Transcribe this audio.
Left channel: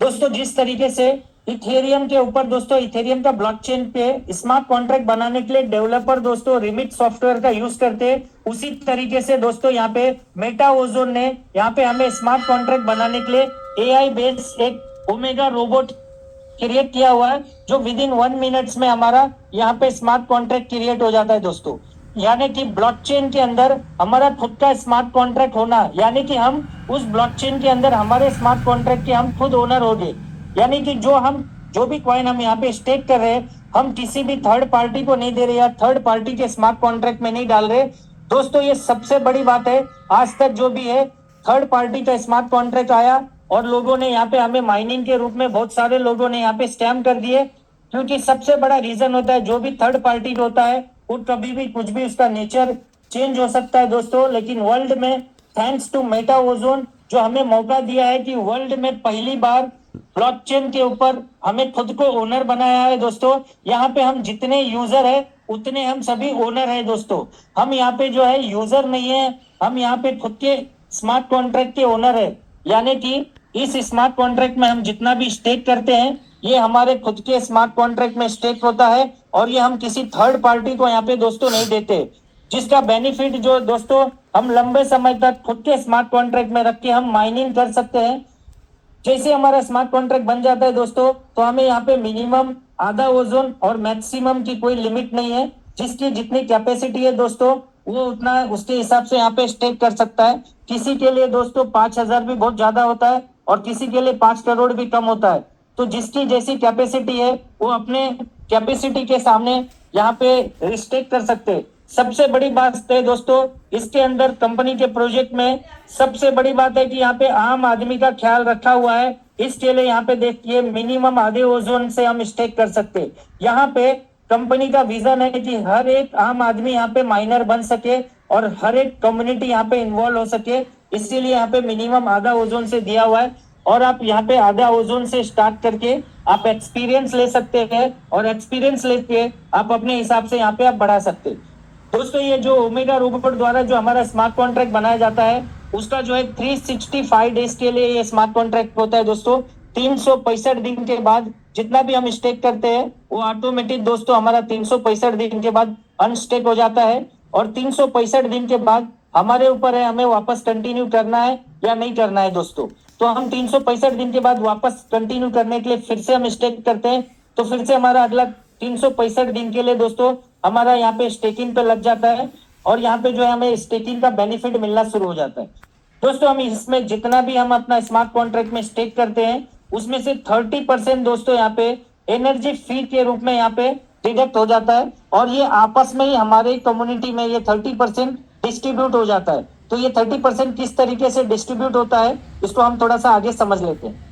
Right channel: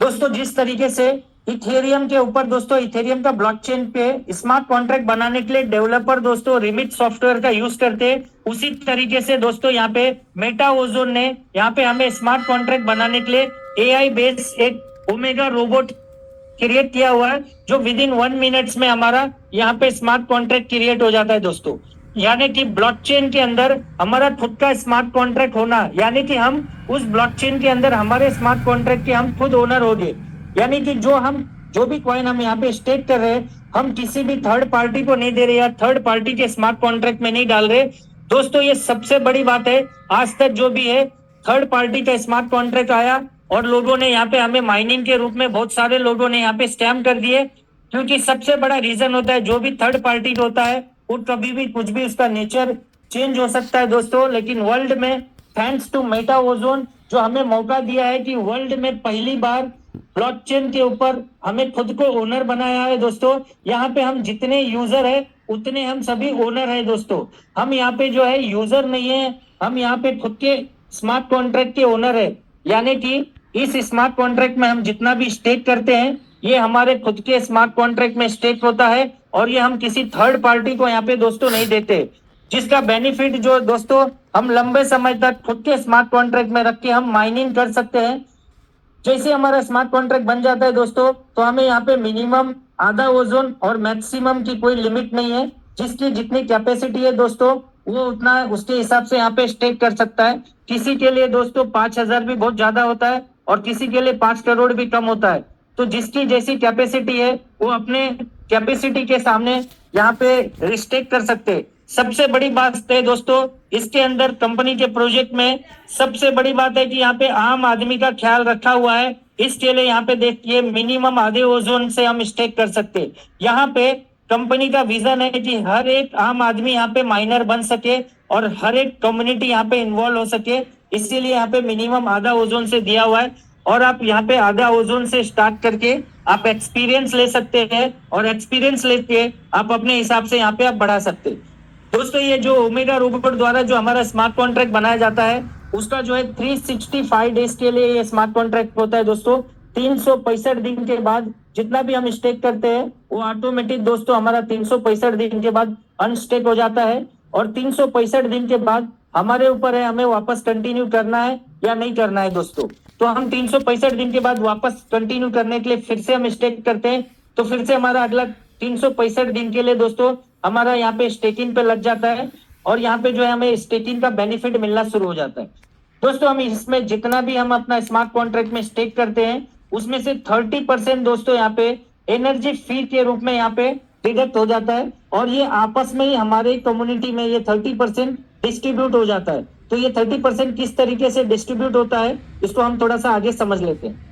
दोस्तों जिस तरीके से इथेरियम के ऊपर दोस्तों इथेरियम का ब्लॉकचेन पे स्मार्ट कॉन्ट्रैक्ट बनाने के लिए डेवलपर दोस्तों रिमिट सॉफ्टवेयर का यूज करते हैं, उसी तरीके से दोस्तों यहाँ पे मेटा ओजोन ने यहाँ पे हमें स्मार्ट कॉन्ट्रैक्ट बनाने के लिए एआई बेस्ड एक ओमेगा रोबोट क्रिएट किया हुआ है, जो विद इन 1 मिनट्स में हमारा यहाँ पे स्मार्ट कॉन्ट्रैक्ट क्रिएट हो जाता है दोस्तों। यानी कि ब्लॉकचेन के अंदर हमारा खुद का स्मार्ट कॉन्ट्रैक्ट होना, यानी कि हम उस ब्लॉकचेन के अंदर हमारे स्मार्ट कॉन्ट्रैक्ट के हम खुद ओनर हो गए। यानी कि जो भी कॉइन हम यहाँ पे स्टेक कर रहे हैं, हम किसी भी थर्ड पार्टी को नहीं दे रहे या थर्ड पार्टी के स्मार्ट कॉन्ट्रैक्ट में नहीं डाल रहे दोस्तों। ये सबसे बड़ी बात है। आज तक जो भी है थर्ड पार्टी का स्मार्ट कॉन्ट्रैक्ट आया और लोगों ने यहाँ पे हमें माइनिंग के रूप में बहुत सारे लोगों ने यहाँ पे स्कैम कर दिए, क्योंकि सबसे बड़ा रीजन होता है जो भी थर्ड पार्टी होता है वो कभी भी कुछ भी उसका नेचर चेंज हो सकता है दोस्तों। लेकिन वर्ल्ड में थैंक्स टू मेटा ओजोन जो हमें मौका दिया है कि वर्ल्ड में पहली बार ब्लॉकचेन के ऊपर हमें खुद को ओनर बनाया है दोस्तों। यहाँ पे हम जितने यूजर है उतने हम सभी ओनर है दोस्तों। हम यहाँ पे जो है यूजर नहीं है, हम यहाँ पे खुद के स्मार्ट कॉन्ट्रैक्ट के ओनर है। यानी कि इस स्मार्ट कॉन्ट्रैक्ट में हम जितना भी स्टेक करते हैं ये हमारे खुद के स्मार्ट कॉन्ट्रैक्ट में स्टेक होता है, और ये हम किसी थर्ड पार्टी को यहाँ पे दोस्तों नहीं देते, जिसका बेनिफिट जो दोस्तों हम लंबे समय तक खुद के स्मार्ट कॉन्ट्रैक्ट में रख के हम माइनिंग कर सकते हैं। जैसे हमारा स्मार्ट कॉन्ट्रैक्ट बन जाता है दोस्तों तो हमें यहाँ पे मिनिमम आधा ओजोन और मैक्सिमम की कोई लिमिट नहीं है। जिसकी जितनी कैपेसिटी है दोस्तों वो उतना उसके हिसाब से यहाँ पे स्टेक कर सकता है। किसी के लिए दोस्तों 5,000 भी बहुत ज्यादा होता है और किसी के लिए 5 करोड़ भी कम होता है। तो जिसकी जैसी कैपेसिटी है वो अपने कैपेसिटी के सामने यहाँ पे रिस्टेक कर सकते हैं। सबसे बड़ी बात है दोस्तों इसके अंदर कंपनी के प्रोजेक्ट में सबसे बड़ी बात है कि यहाँ पे आम आदमी का ख्याल रखा हुआ है। इसके लिए यहाँ पे देखिए मिनिमम आधे ओजोन से हम स्टेक कर सकते हैं। यहाँ पे कंपनी का विजन है कि हर एक आम आदमी यहाँ पे माइनर बन सके और हर एक कम्युनिटी यहाँ पे इन्वॉल्व हो सके, इसीलिए यहाँ पे मिनिमम आधा ओजोन से दिया हुआ है। और आप यहाँ पे आधा ओजोन से स्टार्ट करके आप एक्सपीरियंस ले सकते हैं और एक्सपीरियंस लेके आप अपने हिसाब से यहाँ पे आप बढ़ा सकते हैं। दोस्तों ये जो ओमेगा रोबोट द्वारा जो हमारा स्मार्ट कॉन्ट्रैक्ट बनाया जाता है उसका जो है 365 डेज के लिए ये स्मार्ट कॉन्ट्रैक्ट होता है दोस्तों। 365 दिन के बाद जितना भी हम स्टेक करते हैं वो ऑटोमेटिक दोस्तों हमारा 365 दिन के बाद अनस्टेक हो जाता है। और 365 दिन के बाद हमारे ऊपर है हमें वापस कंटिन्यू करना है या नहीं करना है दोस्तों। तो हम 365 दिन के बाद वापस कंटिन्यू करने के लिए फिर से हम स्टेक करते हैं, तो फिर से हमारा अगला 365 दिन के लिए दोस्तों हमारा यहाँ पे स्टेकिंग पे लग जाता है और यहाँ पे जो है हमें स्टेकिंग का बेनिफिट मिलना शुरू हो जाता है। दोस्तों हम इसमें जितना भी हम अपना स्मार्ट कॉन्ट्रैक्ट में स्टेक करते हैं उसमें से 30% दोस्तों यहाँ पे एनर्जी फी के रूप में यहाँ पे डिडक्ट हो जाता है, और ये आपस में ही हमारे कम्युनिटी में ये 30% डिस्ट्रीब्यूट हो जाता है। तो ये 30% किस तरीके से डिस्ट्रीब्यूट होता है इसको हम थोड़ा सा आगे समझ लेते हैं।